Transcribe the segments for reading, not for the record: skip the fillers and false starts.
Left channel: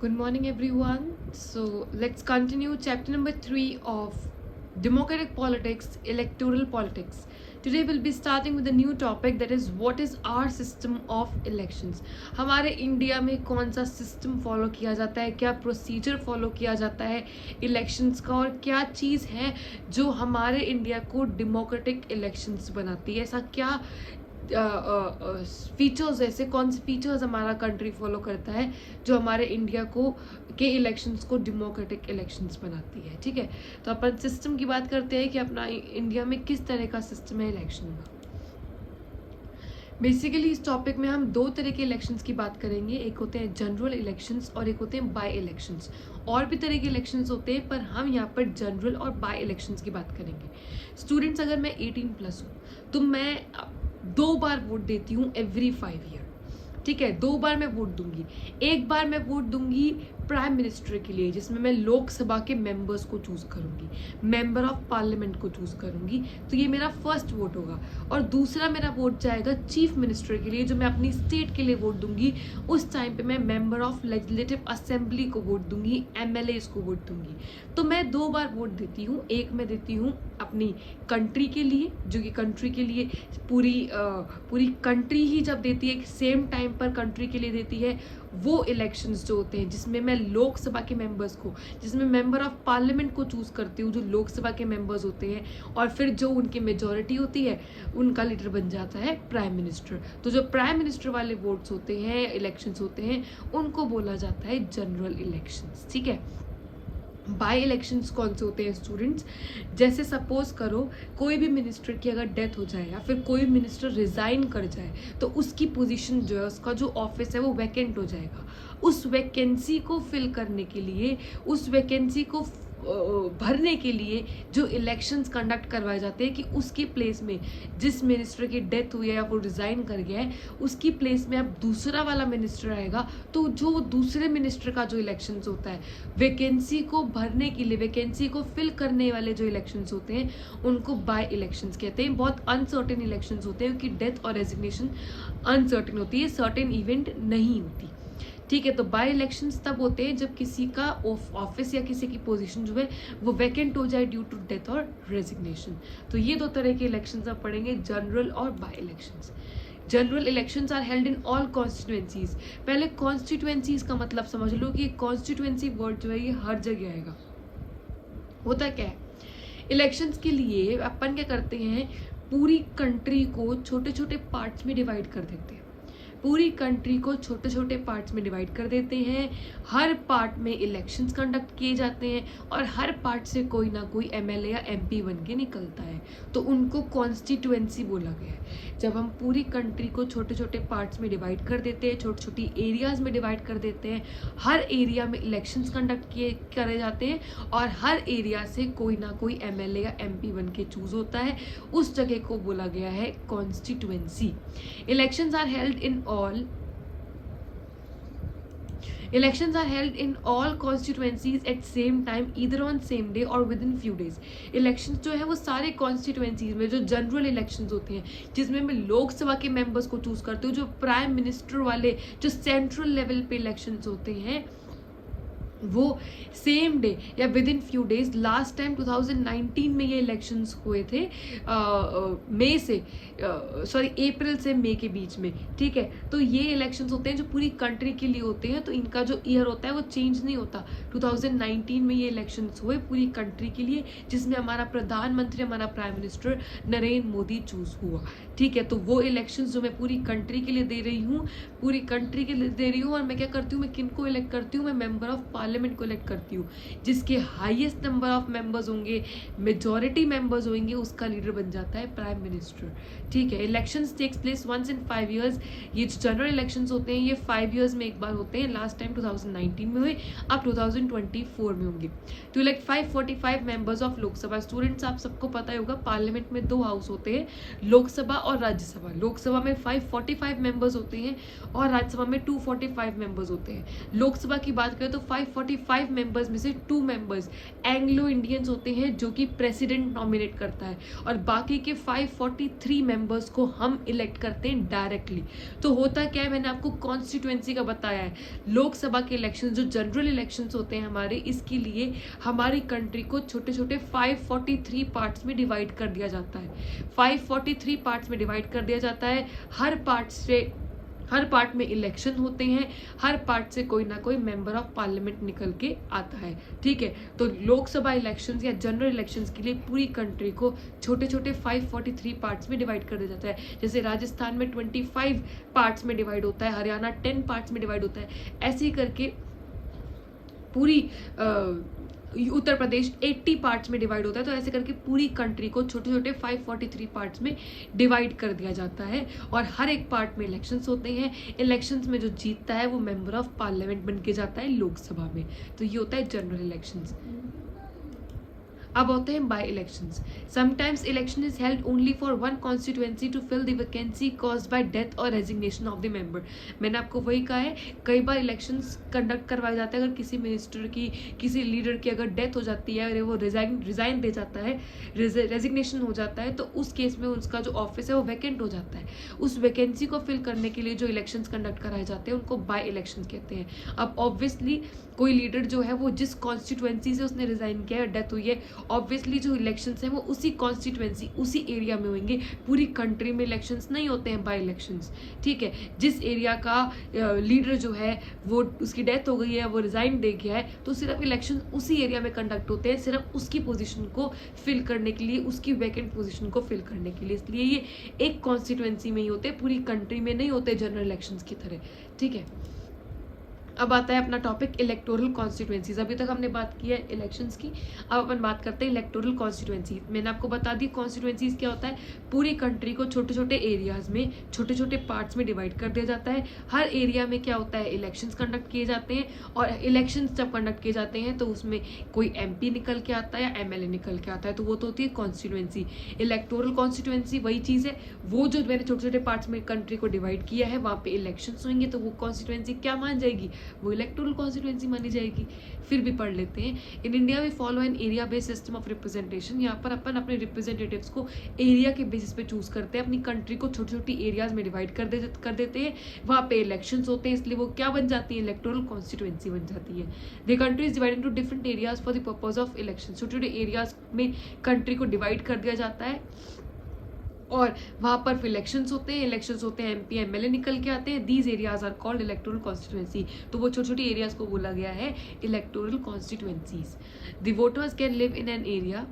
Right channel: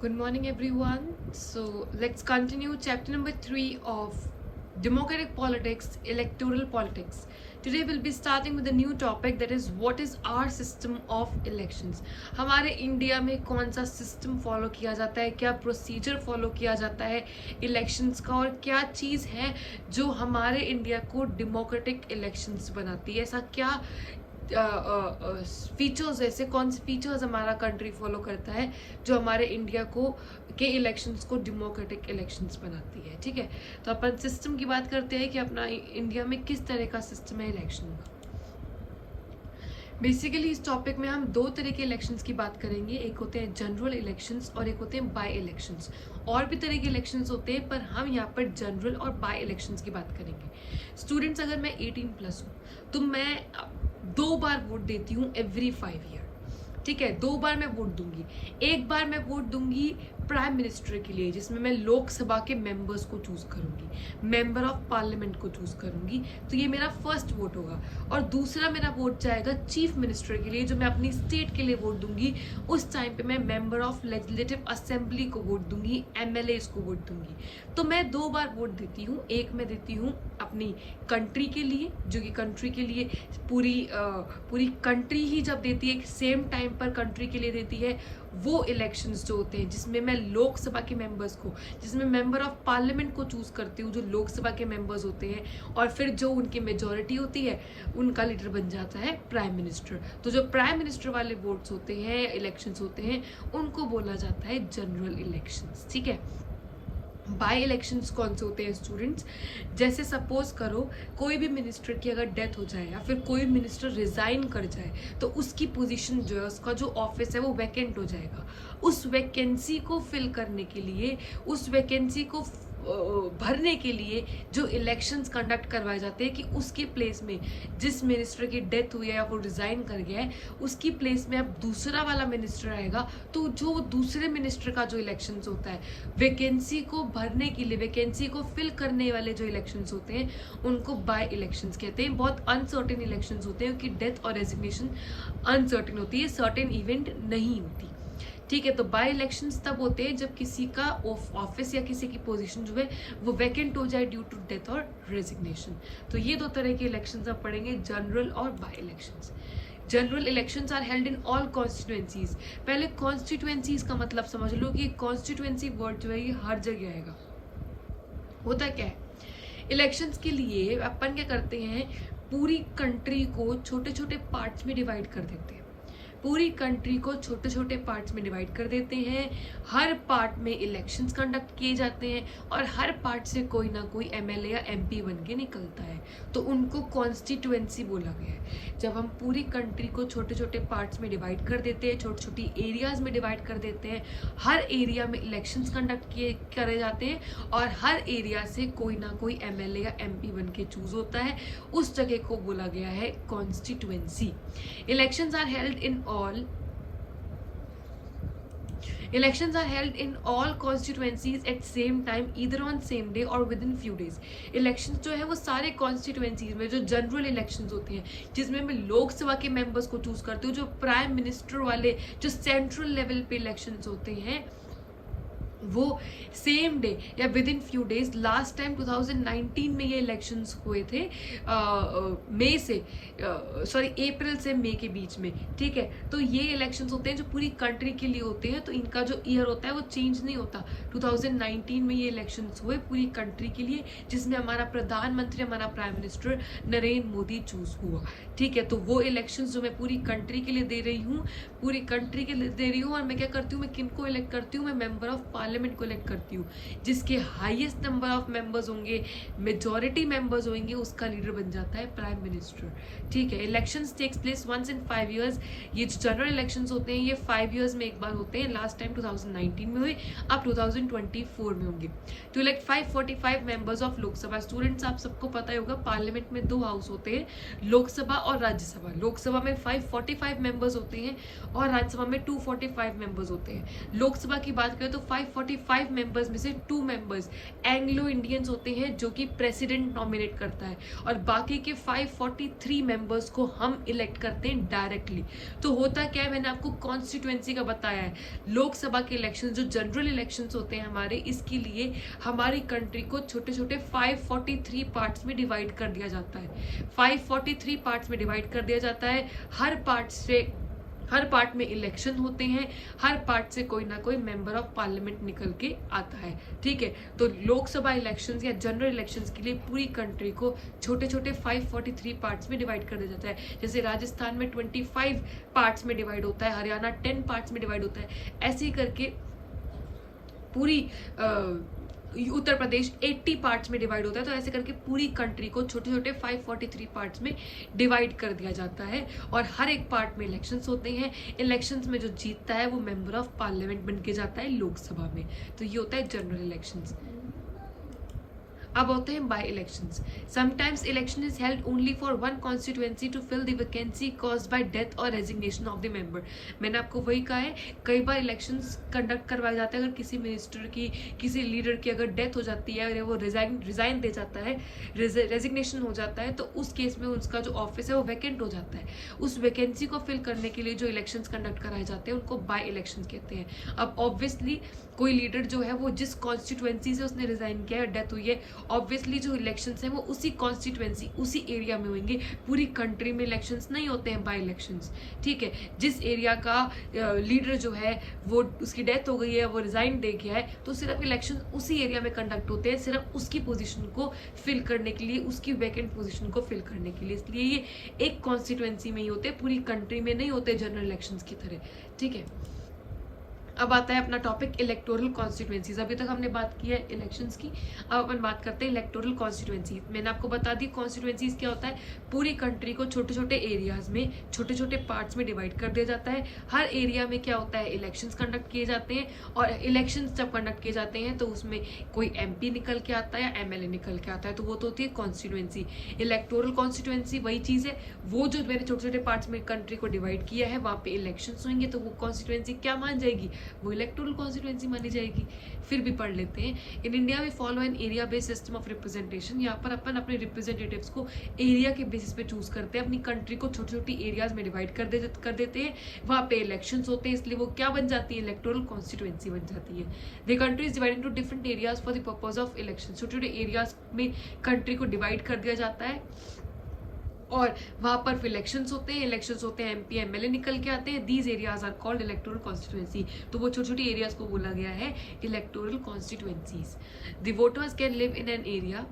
Good morning, everyone. So let's continue chapter number 3 of democratic politics, electoral politics. Today we'll be starting with a new topic, that is what is our system of elections. हमारे India में कौन सा system follow किया जाता है, क्या procedure follow किया जाता है इलेक्शंस का, और क्या चीज़ है जो हमारे इंडिया को डेमोक्रेटिक इलेक्शंस बनाती है। ऐसा क्या फीचर्स, ऐसे कौन से फीचर्स हमारा कंट्री फॉलो करता है जो हमारे इंडिया को के इलेक्शंस को डेमोक्रेटिक इलेक्शंस बनाती है। ठीक है, तो अपन सिस्टम की बात करते हैं कि अपना इंडिया में किस तरह का सिस्टम है इलेक्शन का। बेसिकली इस टॉपिक में हम दो तरह के इलेक्शंस की बात करेंगे, एक होते हैं जनरल इलेक्शंस और एक होते हैं बाय इलेक्शंस। और भी तरह के इलेक्शंस होते हैं, पर हम यहाँ पर जनरल और बाय इलेक्शंस की बात करेंगे। स्टूडेंट्स, अगर मैं 18+ हूँ तो मैं 2 बार वोट देती हूँ एवरी 5 ईयर। ठीक है, 2 बार मैं वोट दूंगी। एक बार मैं वोट दूंगी प्राइम मिनिस्टर के लिए, जिसमें मैं लोकसभा के मेंबर्स को चूज करूंगी, मेंबर ऑफ पार्लियामेंट को चूज करूंगी, तो ये मेरा फर्स्ट वोट होगा। और दूसरा मेरा वोट जाएगा चीफ मिनिस्टर के लिए, जो मैं अपनी स्टेट के लिए वोट दूंगी। उस टाइम पे मैं मेंबर ऑफ लेजिस्लेटिव असेंबली को वोट दूंगी, एमएलए को वोट दूंगी। तो मैं 2 बार वोट देती हूँ। एक मैं देती हूँ अपनी कंट्री के लिए, जो कि कंट्री के लिए पूरी कंट्री ही जब देती है, सेम टाइम पर कंट्री के लिए देती है, वो इलेक्शंस जो होते हैं जिसमें मैं लोकसभा के मेंबर्स को, जिसमें मेंबर ऑफ पार्लियामेंट को चूज करती हूँ, जो लोकसभा के मेंबर्स होते हैं, और फिर जो उनकी मेजॉरिटी होती है उनका लीडर बन जाता है प्राइम मिनिस्टर। तो जो प्राइम मिनिस्टर वाले वोट्स होते हैं, इलेक्शंस होते हैं, उनको बोला जाता है जनरल इलेक्शंस। ठीक है, बाय इलेक्शंस कौन से होते हैं स्टूडेंट्स? जैसे सपोज करो कोई भी मिनिस्टर की अगर डेथ हो जाए या फिर कोई मिनिस्टर रिजाइन कर जाए, तो उसकी पोजीशन जो है, उसका जो ऑफिस है वो वैकेंट हो जाएगा। उस वैकेंसी को फिल करने के लिए, उस वैकेंसी को भरने के लिए जो इलेक्शंस कंडक्ट करवाए जाते हैं, कि उसकी प्लेस में जिस मिनिस्टर की डेथ हुई है या वो रिजाइन कर गया है, उसकी प्लेस में अब दूसरा वाला मिनिस्टर आएगा। तो जो दूसरे मिनिस्टर का जो इलेक्शंस होता है, वैकेंसी को भरने के लिए, वैकेंसी को फिल करने वाले जो इलेक्शंस होते हैं, उनको बाय इलेक्शंस कहते हैं। बहुत अनसर्टेन इलेक्शंस होते हैं, क्योंकि डेथ और रेजिग्नेशन अनसर्टेन होती है, सर्टेन इवेंट नहीं होती। ठीक है, तो बाय इलेक्शंस तब होते हैं जब किसी का ऑफिस या किसी की पोजीशन जो है वो वैकेंट हो जाए ड्यू टू डेथ और रेजिग्नेशन। तो ये 2 तरह के इलेक्शंस आप पढ़ेंगे, जनरल और by elections. General elections are held in all constituencies. पहले कॉन्स्टिट्यूएंसीज का मतलब समझ लो कि कॉन्स्टिट्यूएंसी वर्ड जो है ये हर जगह आएगा। होता क्या है, इलेक्शंस के लिए अपन क्या करते हैं, पूरी कंट्री को छोटे छोटे पार्ट्स में डिवाइड कर देते हैं। पूरी कंट्री को छोटे छोटे पार्ट्स में डिवाइड कर देते हैं। हर पार्ट में इलेक्शंस कंडक्ट किए जाते हैं, और हर पार्ट से कोई ना कोई एमएलए या एमपी बन के निकलता है, तो उनको कॉन्स्टिट्यूएंसी बोला गया है। जब हम पूरी कंट्री को छोटे छोटे पार्ट्स में डिवाइड कर देते हैं, छोटी छोटी एरियाज में डिवाइड कर देते हैं, हर एरिया में इलेक्शंस कंडक्ट किए करे जाते हैं, और हर एरिया से कोई ना कोई एमएलए या एमपी बन के चूज होता है, उस जगह को बोला गया है constituency. Elections are held in all Elections are held in all constituencies at same time, either on same day or within few days. Elections जो है वो सारे constituencies में, जो जनरल इलेक्शंस होते हैं, जिसमें मैं लोकसभा के मेंबर्स को चूज करती हूँ, जो प्राइम मिनिस्टर वाले, जो सेंट्रल लेवल पे इलेक्शंस होते हैं, वो सेम डे या with in few days. Last time 2019 में ये इलेक्शंस हुए थे, मई से अप्रैल से मई के बीच में। ठीक है, तो ये इलेक्शंस होते हैं जो पूरी कंट्री के लिए होते हैं, तो इनका जो ईयर होता है वो चेंज नहीं होता। 2019 में ये इलेक्शंस हुए पूरी कंट्री के लिए, जिसमें हमारा प्रधानमंत्री, हमारा prime minister Narendra Modi choose हुआ। ठीक है, तो वो इलेक्शंस जो मैं पूरी कंट्री के लिए दे रही हूँ, पूरी कंट्री के लिए दे रही हूँ। और मैं क्या करती हूँ, मैं किनको इलेक्ट करती हूँ, मैं मेंबर ऑफ पार्लियामेंट को इलेक्ट करती हूँ। जिसके हाईएस्ट नंबर ऑफ मेंबर्स होंगे, मेजॉरिटी मेंबर्स होंगे, उसका लीडर बन जाता है प्राइम मिनिस्टर। ठीक है, elections takes place once in 5 years. ये जो जनरल इलेक्शंस होते हैं ये 5 ईयर्स में एक बार होते हैं। लास्ट टाइम 2019 में हुए, अब 2024 में होंगे। To elect 545 members of Lok Sabha. Students, आप सबको पता ही होगा, पार्लियामेंट में 2 हाउस होते हैं, लोकसभा और राज्यसभा। लोकसभा में 545 मेंबर्स होते हैं और राज्यसभा में 245 मेंबर्स होते हैं। लोकसभा की बात करें तो 545 मेंबर्स में से 2 मेंबर्स एंग्लो इंडियंस होते हैं, जो कि प्रेसिडेंट नॉमिनेट करता है, और बाकी के 543 मेंबर्स को हम इलेक्ट करते हैं डायरेक्टली। तो होता क्या है, मैंने आपको कॉन्स्टिट्यूएंसी का बताया है। लोकसभा के इलेक्शन जो जनरल इलेक्शंस होते हैं हमारे, इसके लिए हमारी कंट्री को छोटे छोटे 543 पार्ट्स में डिवाइड कर दिया जाता है। 543 पार्ट्स में डिवाइड कर दिया जाता है। हर पार्ट में इलेक्शन होते हैं, हर पार्ट से कोई ना कोई मेंबर ऑफ पार्लियामेंट निकल के आता है। ठीक है, तो लोकसभा इलेक्शंस या जनरल इलेक्शंस के लिए पूरी कंट्री को छोटे छोटे 543 पार्ट्स में डिवाइड कर दिया जाता है। जैसे राजस्थान में 25 पार्ट्स में डिवाइड होता है, हरियाणा 10 पार्ट्स में डिवाइड होता है, ऐसे ही करके पूरी उत्तर प्रदेश 80 पार्ट्स में डिवाइड होता है। तो ऐसे करके पूरी कंट्री को छोटे छोटे 543 पार्ट्स में डिवाइड कर दिया जाता है और हर एक पार्ट में इलेक्शंस होते हैं। इलेक्शंस में जो जीतता है वो मेंबर ऑफ पार्लियामेंट बन के जाता है लोकसभा में। तो ये होता है जनरल इलेक्शंस। अब होते हैं by elections. Sometimes election is held only for one constituency to fill the vacancy caused by death और रेजिग्नेशन ऑफ द मेंबर। मैंने आपको वही कहा है, कई बार इलेक्शंस कंडक्ट करवाए जाते हैं अगर किसी मिनिस्टर की, किसी लीडर की अगर डेथ हो जाती है और वो रिजाइन दे जाता है, रेजिग्नेशन हो जाता है, तो उस केस में उसका जो ऑफिस है वो वैकेंट हो जाता है। उस वैकेंसी को फिल करने के लिए जो इलेक्शंस कंडक्ट कराए जाते हैं उनको बाय इलेक्शन कहते हैं। अब ऑब्वियसली कोई लीडर जो है वो जिस कॉन्स्टिट्यूएंसी से उसने रिजाइन किया है, डेथ हुई है, ऑब्वियसली जो इलेक्शंस हैं वो उसी कॉन्स्टिट्यूएंसी, उसी एरिया में होंगे। पूरी कंट्री में इलेक्शंस नहीं होते हैं बाय इलेक्शंस। ठीक है, जिस एरिया का लीडर जो है वो उसकी डेथ हो गई है, वो रिजाइन दे गया है, तो सिर्फ इलेक्शन उसी एरिया में कंडक्ट होते हैं, सिर्फ उसकी पोजीशन को फिल करने के लिए, उसकी वैकेंट पोजीशन को फिल करने के लिए। इसलिए ये एक कॉन्स्टिट्यूएंसी में ही होते, पूरी कंट्री में नहीं होते जनरल इलेक्शंस की तरह। ठीक है, अब आता है अपना टॉपिक इलेक्टोरल कॉन्स्टिट्यूएंसीज। अभी तक हमने बात की है इलेक्शंस की, अब अपन बात करते हैं इलेक्टोरल कॉन्स्टिट्यूएंसी। मैंने आपको बता दी कॉन्स्टिट्यूएंसीज क्या होता है। पूरी कंट्री को छोटे छोटे एरियाज में, छोटे छोटे पार्ट्स में डिवाइड कर दिया जाता है। हर एरिया में क्या होता है, इलेक्शंस कंडक्ट किए जाते हैं और इलेक्शंस जब कंडक्ट किए जाते हैं तो उसमें कोई MP निकल के आता है या MLA निकल के आता है, तो वो तो होती है कॉन्स्टिट्यूएंसी। इलेक्टोरल कॉन्स्टिट्यूएंसी वही चीज है, वो जो मैंने छोटे छोटे पार्ट्स में कंट्री को डिवाइड किया है, वहां पे इलेक्शंस होंगे, तो वो कॉन्स्टिट्यूएंसी क्या मान जाएगी, वो इलेक्टोरल कॉन्स्टिट्यूएंसी मानी जाएगी। फिर भी पढ़ लेते हैं। In India we follow an area based system of representation. यहाँ पर अपन अपने रिप्रेजेंटेटिव्स को एरिया के बेसिस पे चूज करते हैं। अपनी कंट्री को छोटी छोटी एरियाज में डिवाइड कर देते हैं, वहाँ पे इलेक्शंस होते हैं, इसलिए वो क्या बन जाती है, इलेक्टोरल कॉन्स्टिट्यूएंसी बन जाती है। The country is divided into different areas for the purpose of election. छोटे छोटे एरियाज में कंट्री को डिवाइड कर दिया जाता है और वहां पर इलेक्शंस होते हैं, MP MLA निकल के आते हैं। These areas are called electoral constituency. तो वो छोटी छोटी एरियाज को बोला गया है electoral constituencies. The voters can live in an area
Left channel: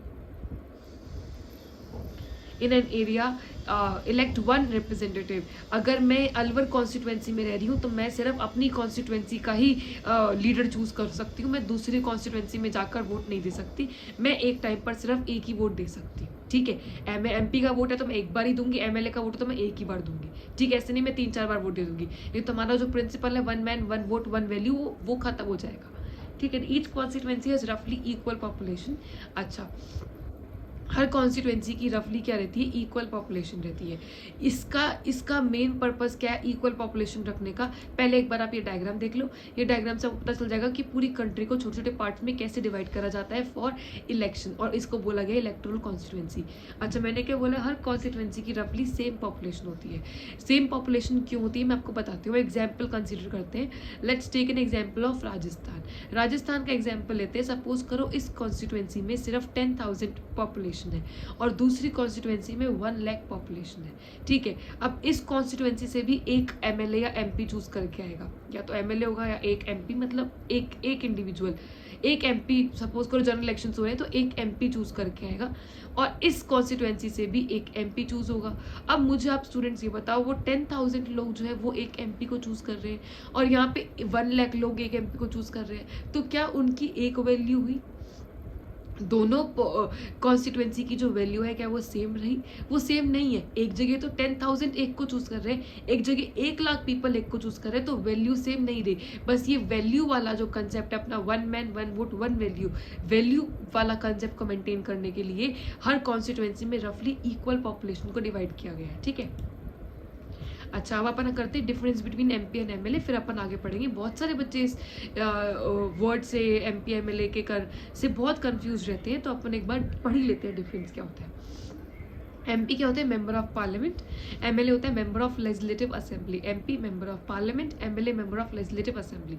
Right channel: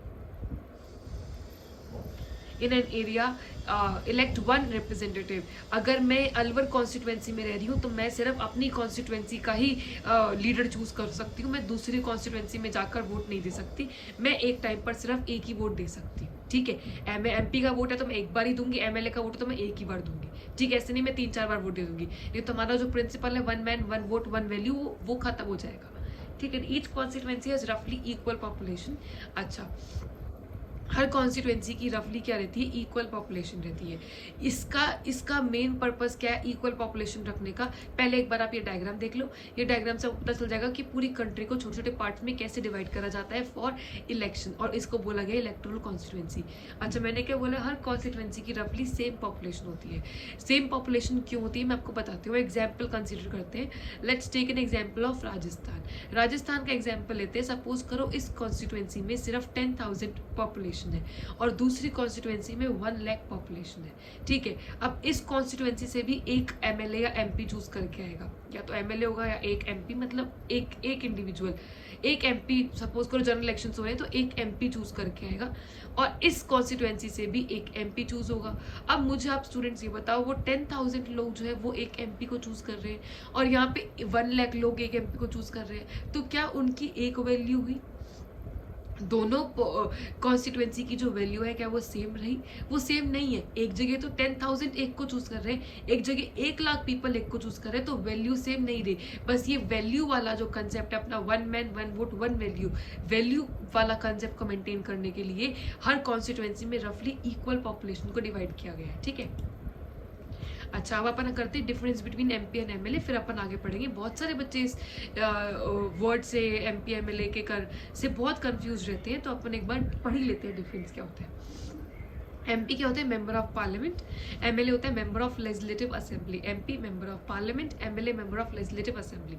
elect one representative. अगर मैं अलवर कॉन्स्टिट्यूएंसी में रह रही हूँ तो मैं सिर्फ अपनी कॉन्स्टिट्यूएंसी का ही लीडर चूज कर सकती हूँ। मैं दूसरी कॉन्स्टिट्यूएंसी में जाकर वोट नहीं दे सकती। मैं एक टाइम पर सिर्फ एक ही वोट दे सकती हूँ। ठीक है, MP का वोट है तो मैं एक बार ही दूंगी, MLA का वोट है तो मैं एक ही बार दूंगी। ठीक है, ऐसे नहीं मैं 3-4 बार वोट दे दूंगी। ये तो हमारा जो प्रिंसिपल है, 1 मैन 1 वोट 1 वैल्यू, वो खत्म हो जाएगा। ठीक है, ईच कॉन्स्टिट्यूएंसी हैज रफली इक्वल पॉपुलेशन। अच्छा, हर कॉन्स्टिट्यूएंसी की रफली क्या रहती है, इक्वल पॉपुलेशन रहती है। इसका मेन पर्पस क्या है, इक्वल पॉपुलेशन रखने का। पहले एक बार आप ये डायग्राम देख लो। ये डायग्राम से पता चल जाएगा कि पूरी कंट्री को छोटे छोटे पार्ट्स में कैसे डिवाइड करा जाता है फॉर इलेक्शन, और इसको बोला गया इलेक्टोरल कॉन्स्टिट्यूएंसी। अच्छा, मैंने क्या बोला, हर कॉन्स्टिट्यूएंसी की रफली सेम पॉपुलेशन होती है। सेम पॉपुलेशन क्यों होती है मैं आपको बताती हूँ। एग्जाम्पल कंसिडर करते हैं। Let's take an example of Rajasthan का एग्जाम्पल लेते हैं। सपोज करो इस कॉन्स्टिट्यूएंसी में सिर्फ 10,000 पॉपुलेशन है और दूसरी कॉन्स्टिट्यूएंसी में 1 लाख पॉपुलेशन है। ठीक है, अब इस कॉन्स्टिट्यूएंसी से भी एक MLA या MP चूज करके आएगा, या तो MLA होगा या एक MP, मतलब एक इंडिविजुअल, एक MP। सपोज करो जनरल इलेक्शन हुए हैं तो एक MP चूज करके आएगा और इस कॉन्स्टिट्यूएंसी से भी एक MP चूज होगा। अब मुझे आप स्टूडेंट्स ये बताओ, वो 10,000 लोग जो है वो एक MP को चूज कर रहे हैं और यहाँ पे 1 लाख लोग एक MP को चूज कर रहे हैं, तो क्या उनकी एक वैल्यू हुई? दोनों कॉन्स्टिट्यूएंसी की जो वैल्यू है क्या वो सेम रही? वो सेम नहीं है। एक जगह तो 10,000 एक को चूज कर रहे हैं, एक जगह 1 लाख पीपल एक को चूज कर रहे हैं, तो वैल्यू सेम नहीं रही। बस ये वैल्यू वाला जो कंसेप्ट है अपना, 1 मैन 1 वोट 1 वैल्यू वाला कंसेप्ट को मेंटेन करने के लिए हर कॉन्स्टिट्यूएंसी में रफली इक्वल पॉपुलेशन को डिवाइड किया गया है। ठीक है, अच्छा, अब अपन करते हैं difference between MP and MLA, फिर अपन आगे पढ़ेंगे। बहुत सारे बच्चे इस वर्ड से MP MLA से बहुत कंफ्यूज रहते हैं, तो अपन एक बार पढ़ ही लेते हैं डिफरेंस क्या होता है। एमपी क्या होता है? Member of parliament. एमएलए होता है member of legislative assembly. MP member of parliament, MLA member of legislative assembly.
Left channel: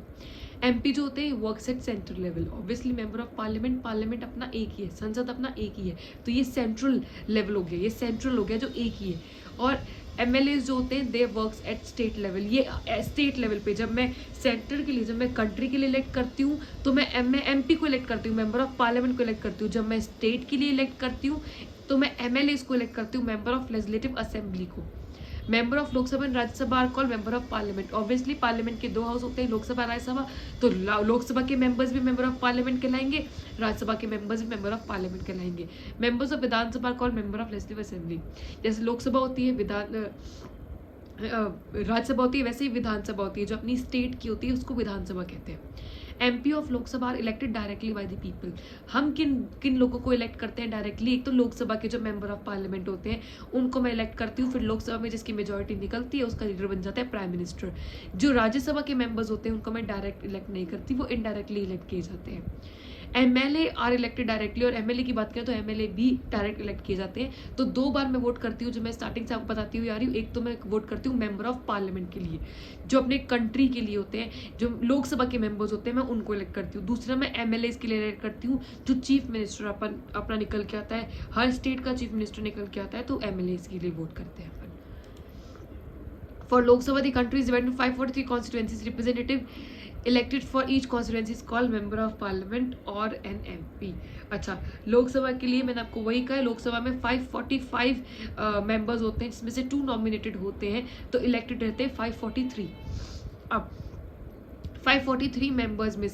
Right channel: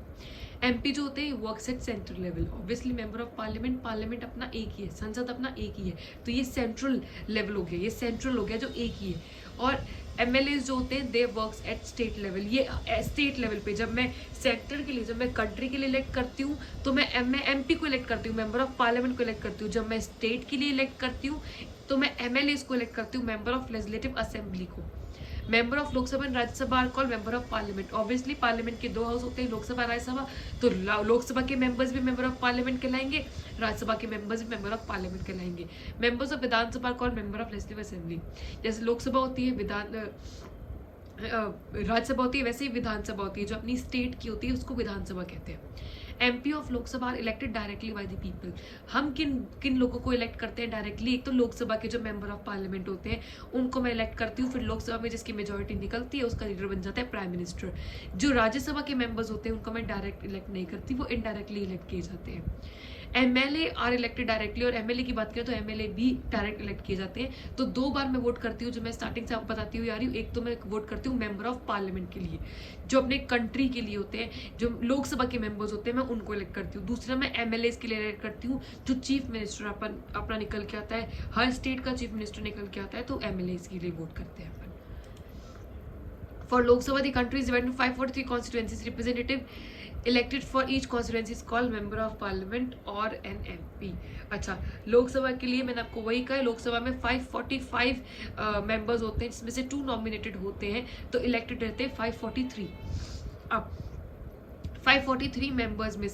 MP जो होते हैं works at central level. Obviously member of parliament, parliament अपना एक ही है, संसद अपना एक ही है, तो ये सेंट्रल लेवल हो गया, ये सेंट्रल हो गया जो एक ही है। और एमएलए जो होते हैं दे वर्क्स एट स्टेट लेवल। ये स्टेट लेवल पे जब मैं सेंटर के लिए, जब मैं कंट्री के लिए इलेक्ट करती हूँ तो मैं एमपी को इलेक्ट करती हूँ, मेंबर ऑफ पार्लियामेंट को इलेक्ट करती हूँ। जब मैं स्टेट के लिए इलेक्ट करती हूँ तो मैं एमएलए को इलेक्ट करती हूँ, मेंबर ऑफ लेजिस्लेटिव असेंबली को। Member of Lok Sabha and Rajya Sabha are called member of parliament. Obviously parliament के दो हाउस होते हैं, लोकसभा राज्यसभा, तो लोकसभा के मेंबर्स भी मेंबर ऑफ पार्लियामेंट कहलाएंगे, राज्यसभा के मेंबर्स भी मेंबर ऑफ पार्लियामेंट कहलाएंगे। Members of Vidhan Sabha called member of legislative assembly. जैसे लोकसभा होती है, राज्यसभा होती है, वैसे ही विधानसभा होती है, जो अपनी स्टेट की होती है उसको विधानसभा कहते हैं। MP of Lok Sabha are elected directly by the people. हम किन किन लोगों को इलेक्ट करते हैं डायरेक्टली? एक तो लोकसभा के जो मेंबर ऑफ पार्लियामेंट होते हैं उनको मैं इलेक्ट करती हूँ, फिर लोकसभा में जिसकी मेजोरिटी निकलती है उसका लीडर बन जाता है प्राइम मिनिस्टर। जो राज्यसभा के मेंबर्स होते हैं उनको मैं डायरेक्ट इलेक्ट नहीं करती, वो इनडायरेक्टली इलेक्ट किए जाते हैं। एमएलए आर इलेक्टेड डायरेक्टली, और एमएलए की बात करें तो एमएलए भी डायरेक्ट इलेक्ट किए जाते हैं। तो दो बार मैं वोट करती हूँ, जो मैं स्टार्टिंग से आपको बताती हुई आ रही हूँ। एक तो मैं वोट करती हूँ मेंबर ऑफ पार्लियामेंट के लिए, जो अपने कंट्री के लिए होते हैं, जो लोकसभा के मेंबर्स होते हैं, मैं उनको इलेक्ट करती हूँ। दूसरा मैं एमएलए के लिए इलेक्ट करती हूँ, जो चीफ मिनिस्टर अपना निकल के आता है, हर स्टेट का चीफ मिनिस्टर निकल के आता है, तो एमएलए के लिए वोट करते हैं अपन। For Lok Sabha the country is divided into 543 constituencies. Representative elected for each constituency is called member of parliament और एन एमपी। अच्छा, लोकसभा के लिए मैंने आपको वही कहा, लोकसभा में 545 मेंबर्स होते हैं, जिसमें से 2 नॉमिनेटेड होते हैं, तो इलेक्टेड रहते हैं 543। अब 543 मेंबर्स में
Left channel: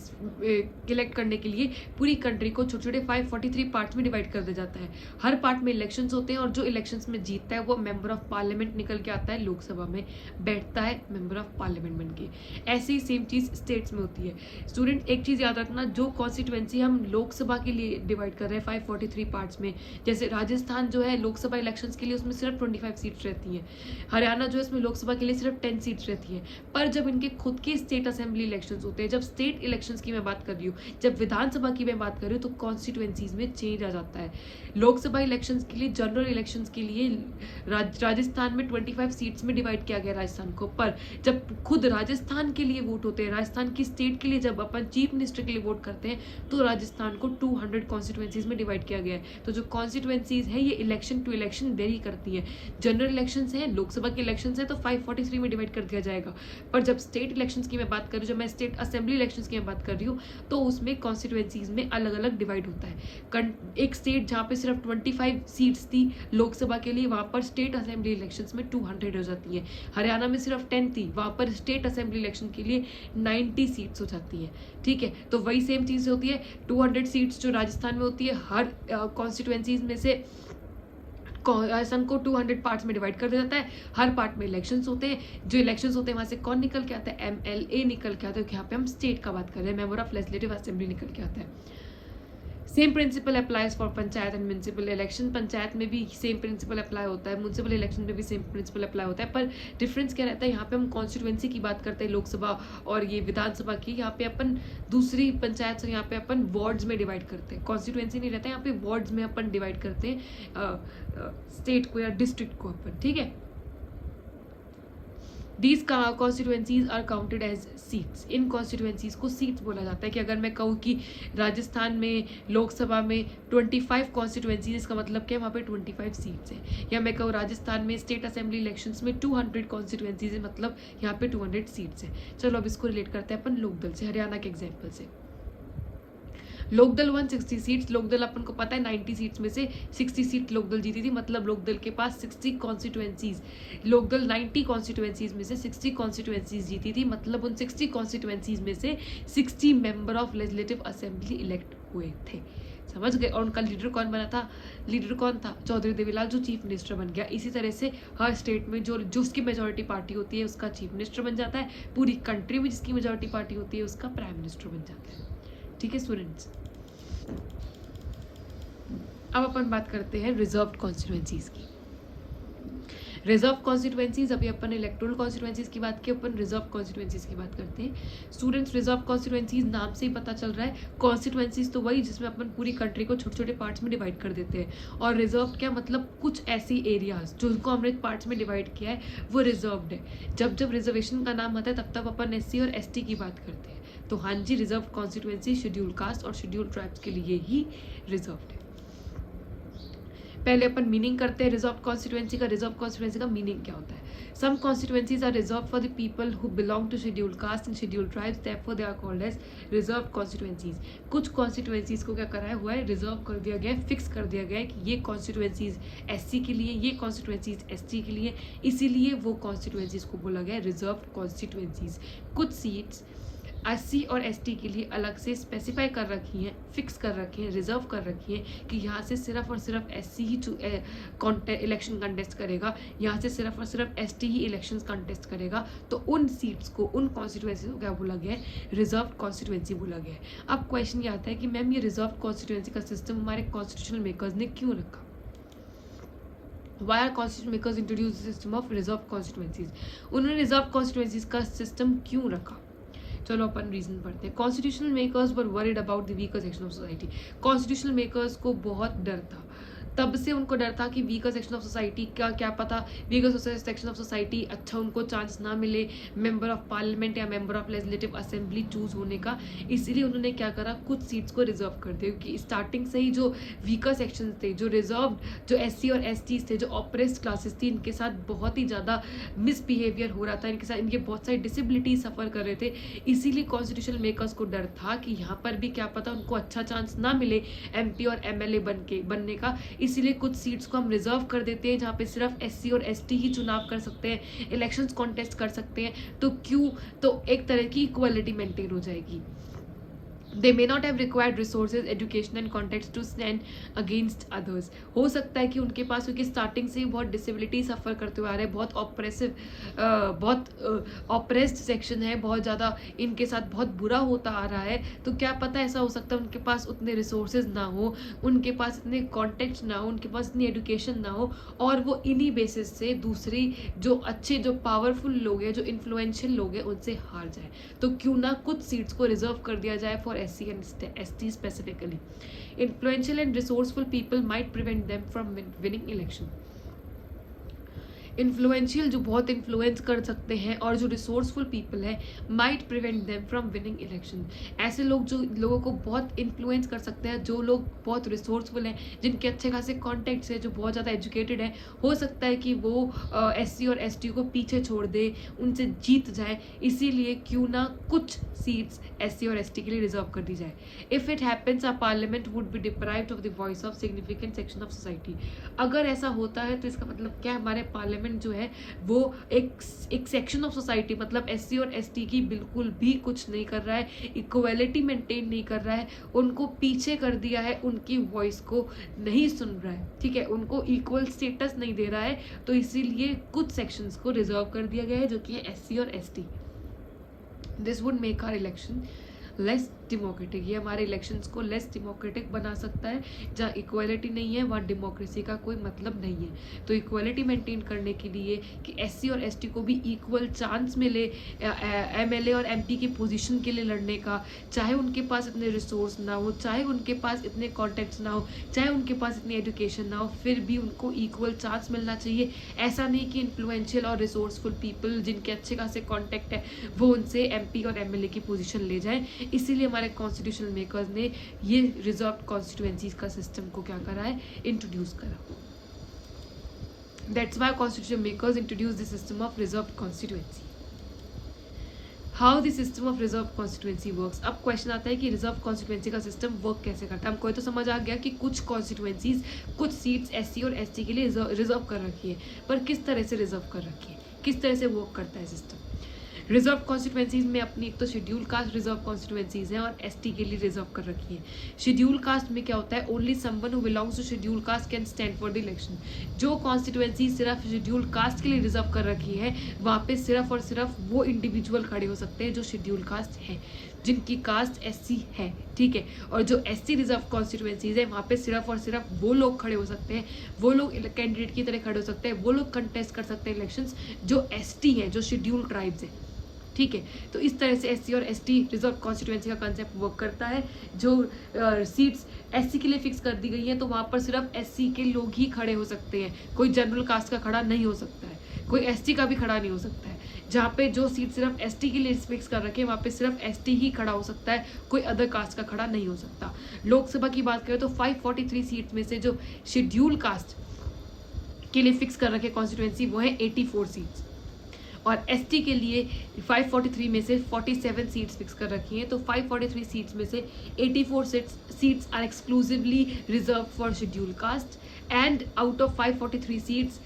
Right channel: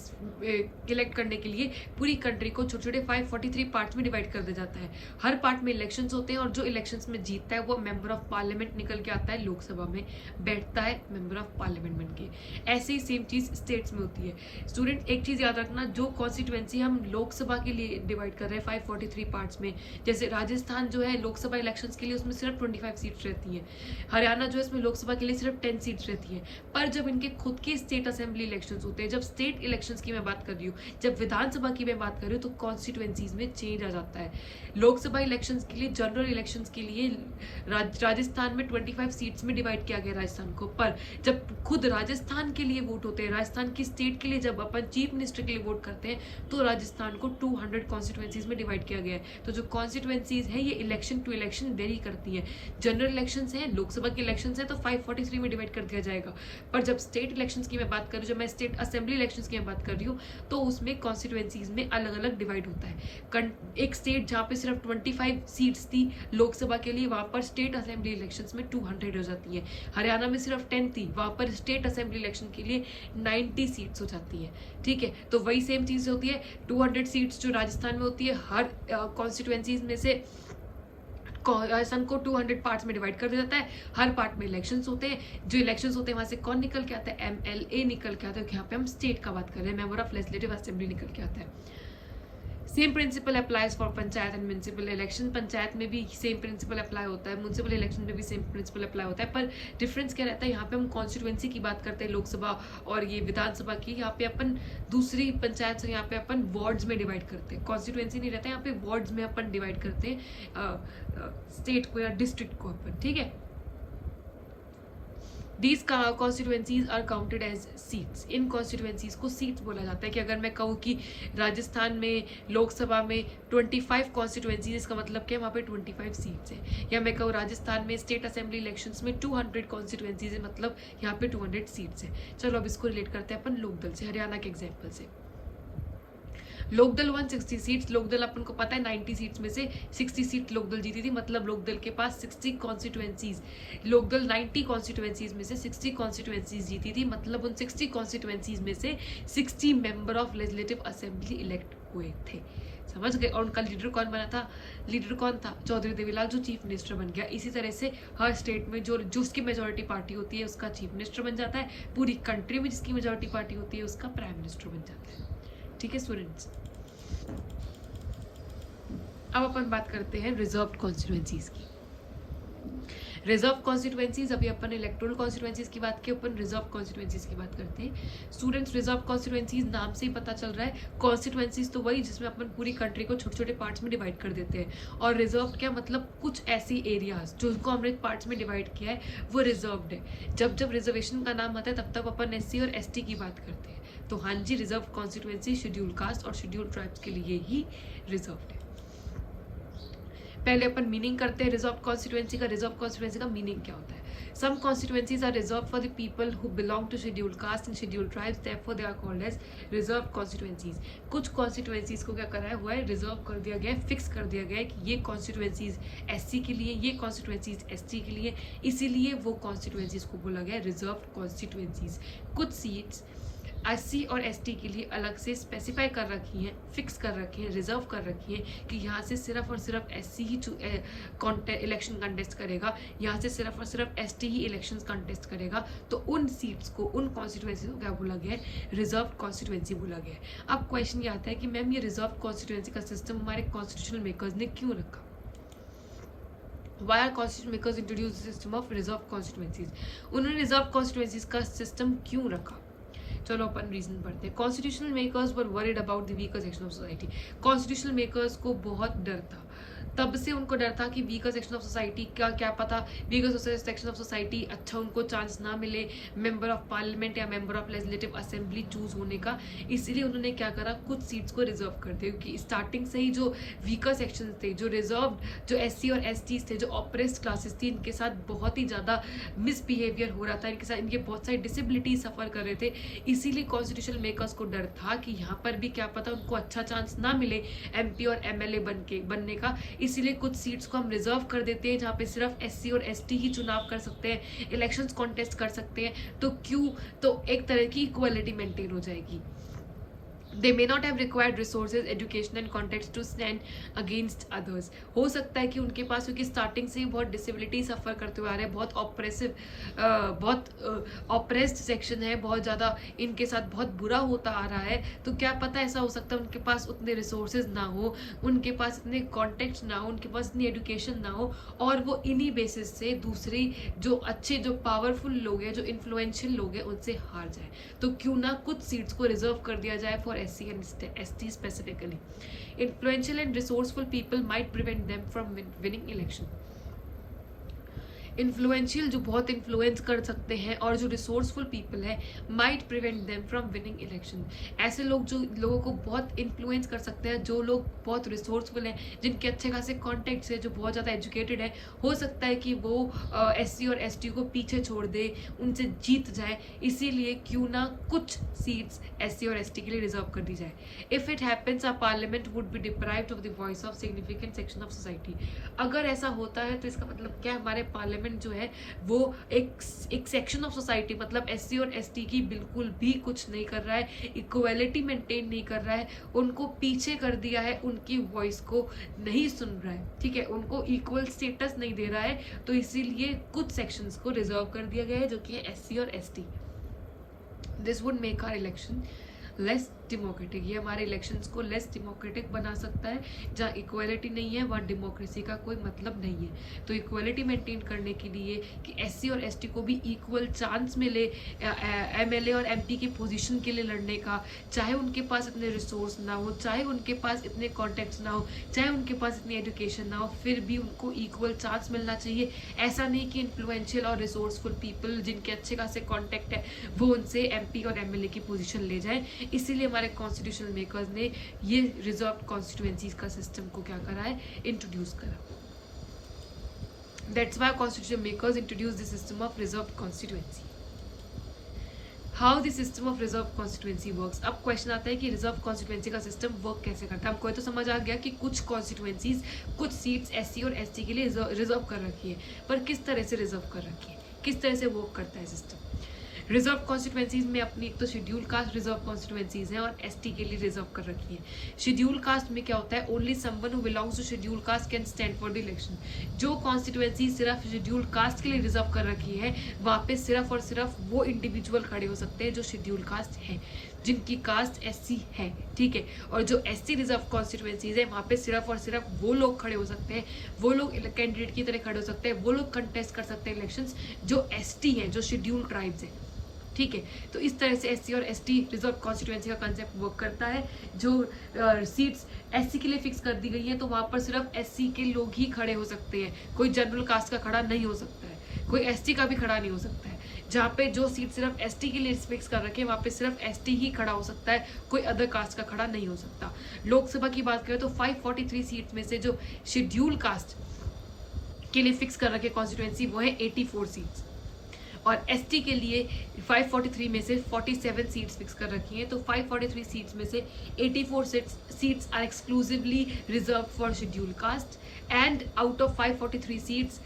इलेक्ट करने के लिए पूरी कंट्री को छोटे छोटे 543 पार्ट्स में डिवाइड कर दिया जाता है। हर पार्ट में इलेक्शंस होते हैं, और जो इलेक्शंस में जीतता है वो मेंबर ऑफ पार्लियामेंट निकल के आता है, लोकसभा में बैठता है मेंबर ऑफ पार्लियामेंट बन के। ऐसी सेम चीज स्टेट्स में होती है। स्टूडेंट एक चीज याद रखना, जो कॉन्स्टिट्यूएंसी हम लोकसभा के लिए डिवाइड कर रहे हैं 543 पार्ट्स में, जैसे राजस्थान जो है लोकसभा इलेक्शन के लिए उसमें सिर्फ 25 सीट्स रहती है, हरियाणा जो है इसमें लोकसभा के लिए सिर्फ 10 सीट्स रहती है। पर जब इनके खुद के स्टेट असेंबली इलेक्शंस होते हैं, जब स्टेट इलेक्शंस की मैं बात कर रही हूँ, जब विधानसभा की मैं बात कर रही हूँ, तो कॉन्स्टिट्यूएंसीज में चेंज आ जाता है। लोकसभा इलेक्शंस के लिए, जनरल इलेक्शंस के लिए राजस्थान में 25 सीट्स में डिवाइड किया गया राजस्थान को। पर जब खुद राजस्थान के लिए वोट होते हैं, राजस्थान की स्टेट के लिए जब अपन चीफ मिनिस्टर के लिए वोट करते हैं, तो राजस्थान को 200 कॉन्स्टिट्यूएंसीज में डिवाइड किया गया है। तो जो कॉन्स्टिट्यूएंसीज है ये इलेक्शन टू इलेक्शन वेरी करती है। जनरल इलेक्शन है, लोकसभा के इलेक्शन है, तो 543 में डिवाइड कर दिया जाएगा। पर जब स्टेट इलेक्शन की मैं बात कर रही हूँ, जब मैं स्टेट असेंबली इलेक्शन की मैं बात कर रही हूँ, तो उसमें कॉन्स्टिट्यूएंसीज में अलग अलग डिवाइड होता है। एक स्टेट जहाँ पे सिर्फ 25 सीट्स थी लोकसभा के लिए, वहां पर स्टेट असेंबली इलेक्शंस में 200 हो जाती है। हरियाणा में सिर्फ 10 थी, वहां पर स्टेट असेंबली इलेक्शन के लिए 90 सीट्स हो जाती है। ठीक है, तो वही सेम चीज होती है। 200 सीट्स जो राजस्थान में होती है, हर कॉन्स्टिट्यूएंसीज में से राजस्थान को 200 पार्ट्स में डिवाइड कर दिया जाता है। हर पार्ट में इलेक्शंस होते हैं, जो इलेक्शंस होते हैं वहां से कौन निकल के आता है? एमएलए निकल के आता है। यहाँ पे हम स्टेट का बात कर रहे हैं, मेंबर ऑफ लेजिस्लेटिव असेंबली निकल के आता है। Same principle applies for panchayat and municipal election. Panchayat में भी सेम प्रिंसिपल अप्लाई होता है, म्यूनिसिपल इलेक्शन में भी सेम प्रिंसिपल अप्लाई होता है। पर डिफरेंस क्या रहता है? यहाँ पे हम कॉन्स्टिट्यूएंसी की बात करते हैं लोकसभा और ये विधानसभा की, यहाँ पे अपन दूसरी पंचायत से यहाँ पे अपन वार्ड्स में डिवाइड करते हैं। कॉन्स्टिट्यूएंसी नहीं रहता है, यहाँ पे वार्ड्स में अपन डिवाइड करते हैं स्टेट को या डिस्ट्रिक्ट को अपन। ठीक है, These constituencies are counted as seats. In constituencies को seats बोला जाता है। कि अगर मैं कहूँ कि राजस्थान में लोकसभा में 25 constituencies, इसका मतलब क्या है? वहाँ पे 25 सीट्स है। या मैं कहूँ राजस्थान में स्टेट असेंबली इलेक्शंस में 200 constituencies है, मतलब यहाँ पे 200 सीट्स है। चलो अब इसको रिलेट करते हैं अपन लोकदल से, हरियाणा के एग्जाम्पल से। लोकदल 160 सीट्स। लोकदल अपन को पता है 90 सीट्स में से 60 सीट लोकदल जीती थी, मतलब लोकदल के पास 60 कॉन्स्टिट्यूएंसीज। लोकदल 90 कॉन्स्टिट्यूएंसीज में से 60 कॉन्स्टिट्यूएंसीज जीती थी, मतलब उन 60 कॉन्स्टिट्यूएंसीज में से 60 member of legislative assembly elect हुए थे। समझ गए? और उनका लीडर कौन बना था? लीडर कौन था? चौधरी देवीलाल, जो चीफ मिनिस्टर बन गया। इसी तरह से हर स्टेट में जो उसकी मेजोरिटी पार्टी होती है उसका चीफ मिनिस्टर बन जाता है। पूरी कंट्री में जिसकी मेजोरिटी पार्टी होती है उसका प्राइम मिनिस्टर बन जाता है। ठीक है स्टूडेंट्स, अब अपन बात करते हैं रिजर्व कॉन्स्टिट्यूएंसीज की। रिजर्व कॉन्स्टिट्यूएंसीज, अभी अपन इलेक्टोरल कॉन्स्टिट्यूएंसीज की बात की, अपन रिजर्व कॉन्स्टिट्यूएंसीज की बात करते हैं। स्टूडेंट्स, रिजर्व कॉन्स्टिट्यूएंसीज नाम से ही पता चल रहा है, कॉन्स्टिट्यूएंसीज तो वही जिसमें अपन पूरी कंट्री को छोटे छोटे पार्ट्स में डिवाइड कर देते हैं, और रिजर्व क्या मतलब कुछ ऐसी एरियाज जिनको हमने पार्ट्स में डिवाइड किया है वो रिजर्व्ड है। जब जब रिजर्वेशन का नाम आता है तब तब अपन SC और ST की बात करते हैं। तो हाँ जी, रिजर्व कॉन्स्टिट्यूएंसी शेड्यूल कास्ट और शेड्यूल ट्राइब्स के लिए ही रिजर्व्ड है। पहले अपन मीनिंग करते हैं रिजर्व कॉन्स्टिट्यूएंसी का। रिजर्व कॉन्स्टिट्यूएंसी का मीनिंग क्या होता है? Some constituencies are reserve for the people who belong to schedule caste and schedule tribes, therefore they are called as reserve constituencies. कुछ कॉन्स्टिट्यूएंसीज को क्या कराया हुआ है, रिजर्व कर दिया गया है, फिक्स कर दिया गया है कि ये कॉन्स्टिट्यूएंसीज SC के लिए, ये कॉन्स्टिट्यूएंसीज ST के लिए, इसीलिए वो कॉन्स्टिट्यूएंसीज को बोला गया है रिजर्व कॉन्स्टिट्यूएंसीज। कुछ सीट्स SC और ST के लिए अलग से स्पेसिफाई कर रखी हैं, फिक्स कर रखी हैं, रिजर्व कर रखी हैं कि यहाँ से सिर्फ और सिर्फ SC ही इलेक्शन कंटेस्ट करेगा, यहाँ से सिर्फ और सिर्फ ST ही इलेक्शन कंटेस्ट करेगा। तो उन सीट्स को, उन कॉन्स्टिट्यूएंसी को क्या बोला गया है, रिजर्व कॉन्स्टिट्यूएंसी बोला गया है। अब क्वेश्चन ये आता है कि मैम ये रिजर्व कॉन्स्टिट्यूएंसी का सिस्टम हमारे कॉन्स्टिट्यूशनल मेकर्स ने क्यों रखा? Why are constitution makers introduced the system of reserve constituencies? उन्होंने रिजर्व कॉन्स्टिट्यूएंसीज का सिस्टम क्यों रखा? चलो अपन रीजन पढ़ते हैं। Constitutional makers were worried about the weaker section of society. Constitutional makers को बहुत डर था, तब से उनको डर था कि वीकर सेक्शन ऑफ सोसाइटी का क्या पता वीकर सेक्शन ऑफ सोसाइटी अच्छा उनको चांस ना मिले मेंबर ऑफ पार्लियामेंट या member of legislative assembly choose होने का। इसीलिए उन्होंने क्या करा, कुछ सीट्स को रिजर्व कर दिया, क्योंकि स्टार्टिंग से ही जो वीकर सेक्शन थे, जो रिजर्व, जो SC और ST थे, जो ऑपरेस्ड क्लासेस थी, इनके साथ बहुत ही ज़्यादा मिसबिहेवियर हो रहा था, इनके साथ इनके बहुत सारी डिसेबिलिटी सफ़र कर रहे थे। इसीलिए कॉन्स्टिट्यूशनल मेकर्स को डर था कि यहाँ पर भी क्या पता उनको अच्छा चांस ना मिले MP और MLA बनने का। इसीलिए कुछ सीट्स को हम रिजर्व कर देते हैं जहाँ पे सिर्फ SC और ST ही चुनाव कर सकते हैं, इलेक्शंस कॉन्टेस्ट कर सकते हैं। तो क्यों? तो एक तरह की इक्वालिटी मेंटेन हो जाएगी। They may not have required resources, education and context to stand against others. हो सकता है कि उनके पास, क्योंकि स्टार्टिंग से ही बहुत डिसेबिलिटी सफ़र करते हुए आ रहे हैं, बहुत ऑपरेसिव, बहुत ऑपरेस्ड सेक्शन है, बहुत ज़्यादा इनके साथ बहुत बुरा होता आ रहा है। तो क्या पता ऐसा हो सकता है उनके पास उतने रिसोर्सेज ना हो, उनके पास इतने कॉन्टेक्ट ना हो, उनके पास इतनी एजुकेशन ना हो, और वो इन्हीं बेसिस से दूसरी जो अच्छे, जो पावरफुल लोग हैं, जो इन्फ्लुएंशियल लोग हैं, उनसे हार जाए। तो क्यों ना कुछ सीट्स को रिजर्व कर दिया जाए for SC and ST specifically. Influential and resourceful people might prevent them from winning election. Influential, जो बहुत इन्फ्लुएंस कर सकते हैं, और जो रिसोर्सफुल पीपल है, might prevent them from winning election. ऐसे लोग जो लोगों को बहुत इन्फ्लुएंस कर सकते हैं, जो लोग बहुत रिसोर्सफुल हैं, जिनके अच्छे खासे कॉन्टेक्ट्स है, जो बहुत ज़्यादा एजुकेटेड है, हो सकता है कि वो SC और ST को पीछे छोड़ दे, उनसे जीत जाए। इसीलिए क्यों ना कुछ सीट्स SC और ST के लिए रिजर्व कर दी जाए। If it happens, our parliament would be deprived of the voice of significant section of society. अगर ऐसा होता है तो इसका मतलब क्या, हमारे पार्लियामेंट जो है वो एक सेक्शन ऑफ सोसाइटी, मतलब SC और ST की बिल्कुल भी कुछ नहीं कर रहा है, इक्वालिटी मेंटेन नहीं कर रहा है, उनको पीछे कर दिया है, उनकी वॉइस को नहीं सुन रहा है, ठीक है, उनको इक्वल स्टेटस नहीं दे रहा है। तो इसीलिए कुछ सेक्शंस को रिजर्व कर दिया गया है, जो कि है SC और ST। This would make our election less democratic. ये हमारे इलेक्शंस को लेस डेमोक्रेटिक बना सकता है। जहाँ इक्वालिटी नहीं है वहाँ डेमोक्रेसी का कोई मतलब नहीं है। तो इक्वालिटी मेंटेन करने के लिए कि SC और ST को भी इक्वल चांस मिले MLA और MP की पोजीशन के लिए लड़ने का, चाहे उनके पास इतने रिसोर्स ना हो, चाहे उनके पास इतने कॉन्टेक्ट्स ना हो, चाहे उनके पास इतनी एजुकेशन ना हो, फिर भी उनको इक्वल चांस मिलना चाहिए। ऐसा नहीं कि इन्फ्लुएंशियल और रिसोर्सफुल पीपल जिनके अच्छे खासे कॉन्टेक्ट है वो उनसे MP और MLA की पोजीशन ले जाए। इसीलिए हमारे कॉन्स्टिट्यूशनल मेकर्स ने ये रिजर्व कॉन्स्टिट्यूएंसीज का सिस्टम को क्या करा है, इंट्रोड्यूस करा। That's why constitutional makers introduce the system of reserve constituency. How the system of reserve constituency works. अब क्वेश्चन आता है कि रिजर्व कॉन्स्टिट्यूएंसी का सिस्टम वर्क कैसे करता है। हमको तो समझ आ गया कि कुछ कॉन्स्टिट्यूएंसीज, कुछ सीट्स SC और ST के लिए रिजर्व कर रखी है, पर किस तरह से रिजर्व कर रखी है, किस तरह से वर्क करता है सिस्टम। रिजर्व कॉन्स्टिट्यूएंसीज में अपनी एक तो शेड्यूल कास्ट रिजर्व कॉन्स्टिट्यूएंसीज हैं और ST के लिए रिजर्व कर रखी है। शेड्यूल कास्ट में क्या होता है, only someone who belongs to schedule caste can stand for the election. जो कॉन्स्टिट्यूएंसी सिर्फ शेड्यूल कास्ट के लिए रिजर्व कर रखी है, वहाँ पे सिर्फ और सिर्फ वो इंडिविजुअल खड़े हो सकते हैं जो शेड्यूल कास्ट है। जिनकी कास्ट SC है, ठीक है। और जो SC रिजर्व कॉन्स्टिट्यूएंसीज है वहाँ पे सिर्फ और सिर्फ वो लोग खड़े हो सकते हैं, वो लोग कैंडिडेट की तरह खड़े हो सकते हैं, वो लोग कंटेस्ट कर सकते हैं इलेक्शंस जो ST है, जो शेड्यूल्ड ट्राइब्स है, ठीक है। तो इस तरह से SC और ST रिजर्व कॉन्स्टिट्यूएंसी का कंसेप्ट वर्क करता है। जो सीट्स SC के लिए फिक्स कर दी गई है तो वहाँ पर सिर्फ SC के लोग ही खड़े हो सकते हैं, कोई जनरल कास्ट का खड़ा नहीं हो सकता है, कोई ST का भी खड़ा नहीं हो सकता है। जहाँ पे जो सीट सिर्फ ST के लिए फिक्स कर रखे हैं वहाँ पे सिर्फ ST ही खड़ा हो सकता है, कोई अदर कास्ट का खड़ा नहीं हो सकता। लोकसभा की बात करें तो 543 सीट में से जो शेड्यूल कास्ट के लिए फिक्स कर रखे कॉन्स्टिट्यूएंसी वो है 84 सीट्स, और ST के लिए 543 में से 47 सीट्स फिक्स कर रखी हैं। तो 543 सीट्स में से 84 seats are exclusively reserve for schedule caste, and out of 543 seats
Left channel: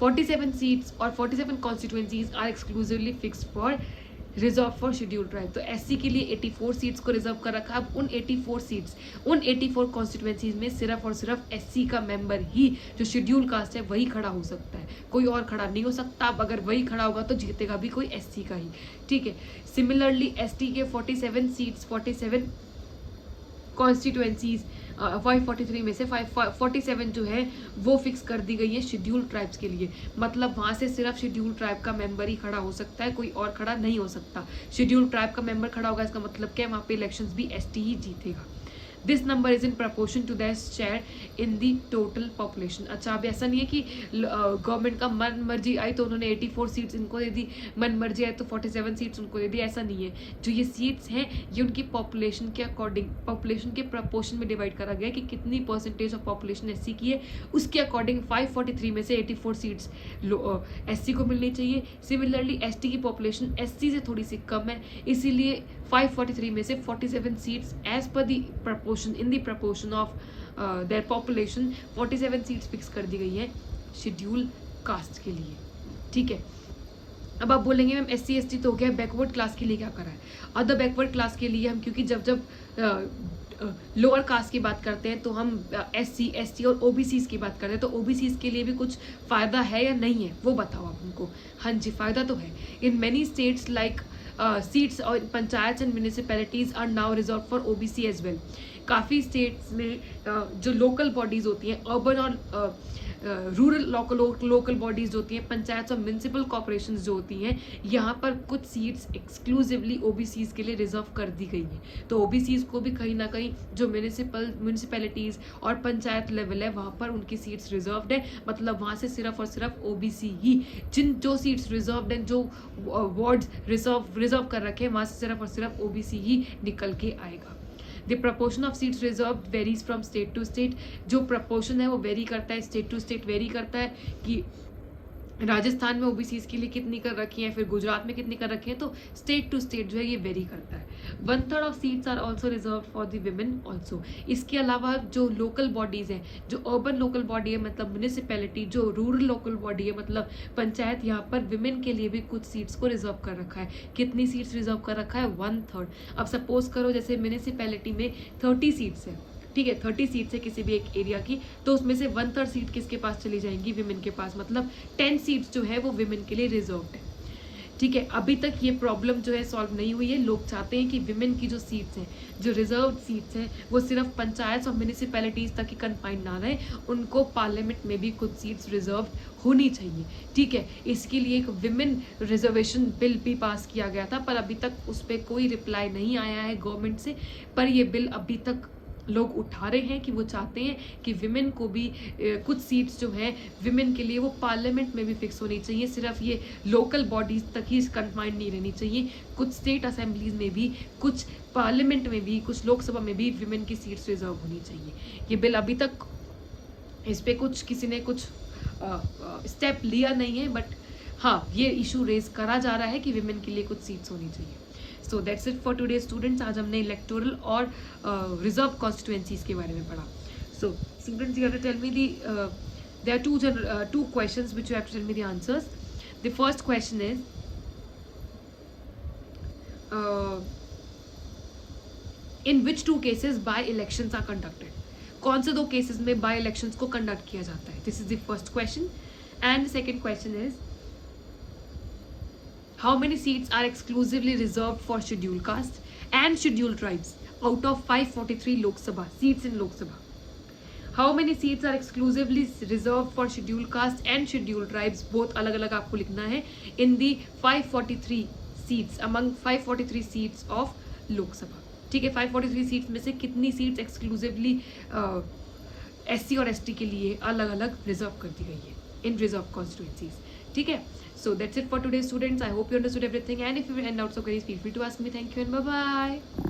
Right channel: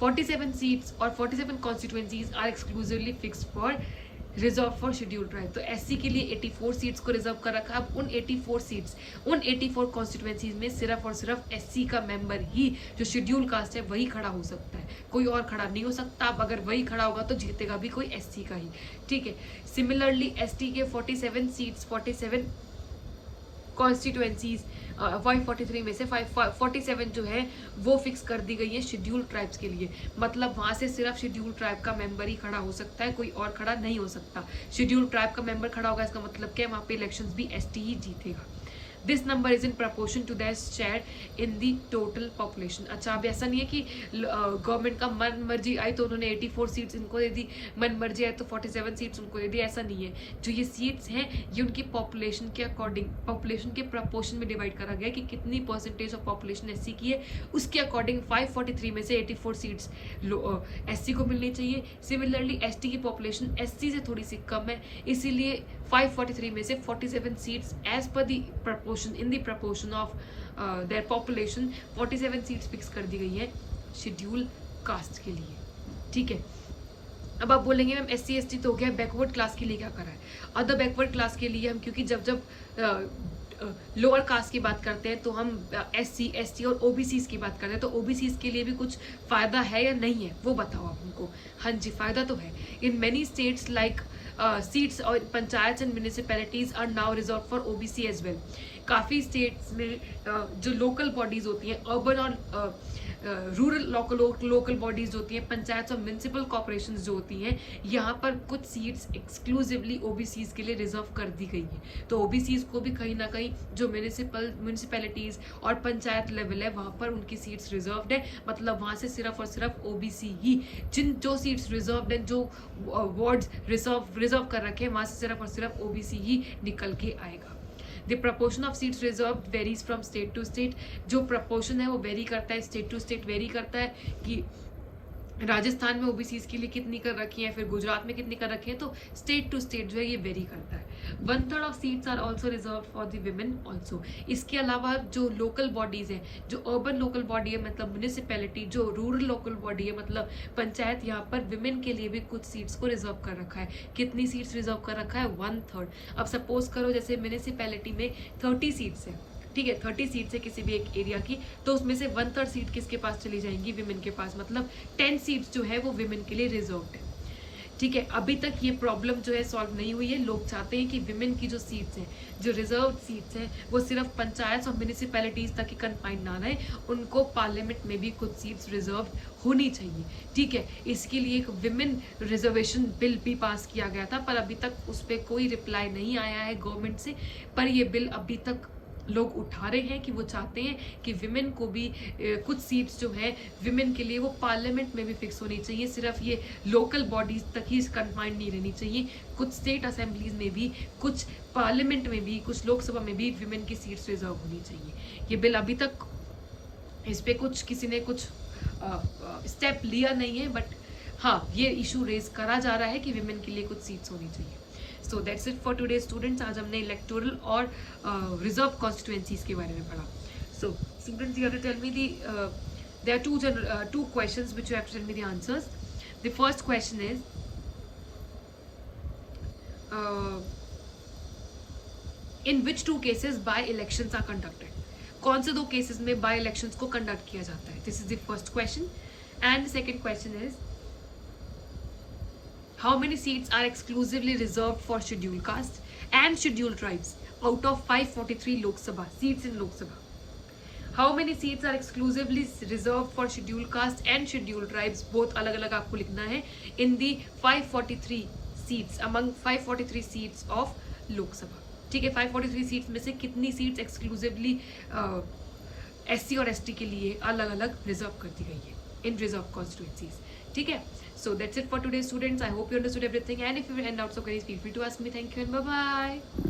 47 seats और 47 constituencies are exclusively fix for reserve for schedule tribe. तो SC के लिए 84 सीट्स को रिजर्व कर रखा है। अब उन 84 सीट्स, उन 84 कॉन्स्टिट्यूएंसीज में सिर्फ और सिर्फ SC का मेंबर ही, जो शेड्यूल कास्ट है, वही खड़ा हो सकता है, कोई और खड़ा नहीं हो सकता। अब अगर वही खड़ा होगा तो जीतेगा भी कोई SC का ही, ठीक है। सिमिलरली ST के 47 सीट्स, 47 कॉन्स्टिट्यूएंसीज 543 में से 547 जो है वो फिक्स कर दी गई है शेड्यूल ट्राइब्स के लिए। मतलब वहां से सिर्फ शेड्यूल ट्राइब का मेंबर ही खड़ा हो सकता है, कोई और खड़ा नहीं हो सकता। शेड्यूल ट्राइब का मेंबर खड़ा होगा, इसका मतलब क्या है, वहां पे इलेक्शंस भी ST ही जीतेगा। This number is in proportion to that share in the total population. अच्छा, अब ऐसा नहीं है कि गवर्नमेंट का मन मर्जी आई तो उन्होंने 84 सीट्स इनको दे दी, मन मर्जी आई तो 47 सीट्स उनको दे दी, ऐसा नहीं है। जो ये सीट्स हैं ये उनकी पॉपुलेशन के अकॉर्डिंग, पॉपुलेशन के प्रपोर्शन में डिवाइड करा गया कि कितनी परसेंटेज ऑफ पॉपुलेशन SC की है, उसके अकॉर्डिंग 543 में से 84 सीट्स SC को मिलनी चाहिए। सिमिलरली ST की पॉपुलेशन SC से थोड़ी सी कम है, इसीलिए 543 में से 47 seats as per the proportion, in the proportion of their population 47 seats fix कर दी गई है शेड्यूल कास्ट के लिए, ठीक है। अब आप बोलेंगे मैम SC ST तो हो गया, बैकवर्ड क्लास के लिए क्या करा है? अदर बैकवर्ड क्लास के लिए हम, क्योंकि जब लोअर कास्ट की बात करते हैं तो हम SC ST और OBCs की बात करते हैं, तो OBCs के लिए भी कुछ फायदा है या नहीं है वो बताओ आप हमको। हाँ जी, फायदा तो है। In many states like seats और panchayat and municipalities are now reserve for OBC as well. काफ़ी स्टेट्स में जो लोकल बॉडीज होती हैं, अर्बन और रूरल लोकल बॉडीज होती हैं, पंचायत और म्यूनिसिपल कॉर्पोरेशन जो होती हैं, यहाँ पर कुछ सीट्स एक्सक्लूसिवली OBCs के लिए रिजर्व कर दी गई हैं। तो OBCs को भी कहीं ना कहीं जो म्यूनिसिपैलिटीज और पंचायत लेवल है वहाँ पर उनकी सीट्स रिजर्व्ड है। मतलब वहाँ से सिर्फ और सिर्फ OBC ही, जो सीट्स रिजर्व्ड है, जो वार्ड्स रिजर्व कर रखे हैं, वहाँ से सिर्फ और सिर्फ OBC ही निकल के आएगा। The proportion of seats reserved varies from state to state। जो proportion है वो वेरी करता है, स्टेट टू स्टेट वेरी करता है कि राजस्थान में OBCs के लिए कितनी कर रखी है, फिर गुजरात में कितनी कर रखी है, तो स्टेट टू स्टेट जो है ये वेरी करता है। 1/3 of seats are also reserve for the women also. इसके अलावा जो लोकल बॉडीज हैं, जो अर्बन लोकल बॉडी है मतलब म्यूनिसिपैलिटी, जो रूरल लोकल बॉडी है मतलब पंचायत, यहाँ पर विमेन के लिए भी कुछ सीट्स को रिजर्व कर रखा है। कितनी सीट्स रिजर्व कर रखा है? 1/3। अब सपोज करो जैसे म्यूनिसिपैलिटी में 30 सीट्स है, ठीक है, 30 सीट्स है किसी भी एक एरिया की, तो उसमें से 1/3 सीट किसके पास चली जाएंगी? विमेन के पास। मतलब 10 सीट्स जो है वो विमेन के लिए रिजर्व्ड है, ठीक है। अभी तक ये प्रॉब्लम जो है सॉल्व नहीं हुई है। लोग चाहते हैं कि विमेन की जो सीट्स हैं, जो रिजर्व्ड सीट्स हैं, वो सिर्फ पंचायत और म्यूनिसिपैलिटीज तक ही कन्फाइंड ना रहे, उनको पार्लियामेंट में भी कुछ सीट्स रिजर्व होनी चाहिए, ठीक है। इसके लिए एक विमेन रिजर्वेशन बिल भी पास किया गया था, पर अभी तक उस पर कोई रिप्लाई नहीं आया है गवर्नमेंट से। पर ये बिल अभी तक लोग उठा रहे हैं कि वो चाहते हैं कि विमेन को भी कुछ सीट्स जो है विमेन के लिए वो पार्लियामेंट में भी फिक्स होनी चाहिए, सिर्फ ये लोकल बॉडीज तक ही कन्फाइंड नहीं रहनी चाहिए। कुछ स्टेट असेंबलीज में भी, कुछ पार्लियामेंट में भी, कुछ लोकसभा में भी विमेन की सीट्स रिजर्व होनी चाहिए। ये बिल अभी तक इस पे कुछ किसी ने कुछ स्टेप लिया नहीं है, बट हाँ ये इशू रेज करा जा रहा है कि विमेन के लिए कुछ सीट्स होनी चाहिए। So that's it for today students. आज हमने इलेक्टोरल और रिजर्व कॉन्स्टिट्यूएंसीज के बारे में पढ़ा। So students, you have to tell me the there are two questions which you have to tell me the answers. The first question is in which two cases by elections are conducted? कौन से दो cases में bye elections को conduct किया जाता है? This is the first question. And the second question is how many seats are exclusively reserved for scheduled caste? and scheduled tribes out of 543 Lok Sabha seats in Lok Sabha. How many seats are exclusively reserved for scheduled caste and scheduled tribes? Both अलग अलग आपको लिखना है in the 543 seats among 543 seats of लोक सभा. ठीक है, 543 seats में से कितनी सीट्स एक्सक्लूसिवली SC और ST के लिए अलग अलग रिजर्व कर दी गई है इन रिजर्व कॉन्स्टिट्यूएंसीज. ठीक है, so that's it for today students. I hope you understood everything, and if you have any doubts or queries, feel free to ask me. Thank you and bye bye.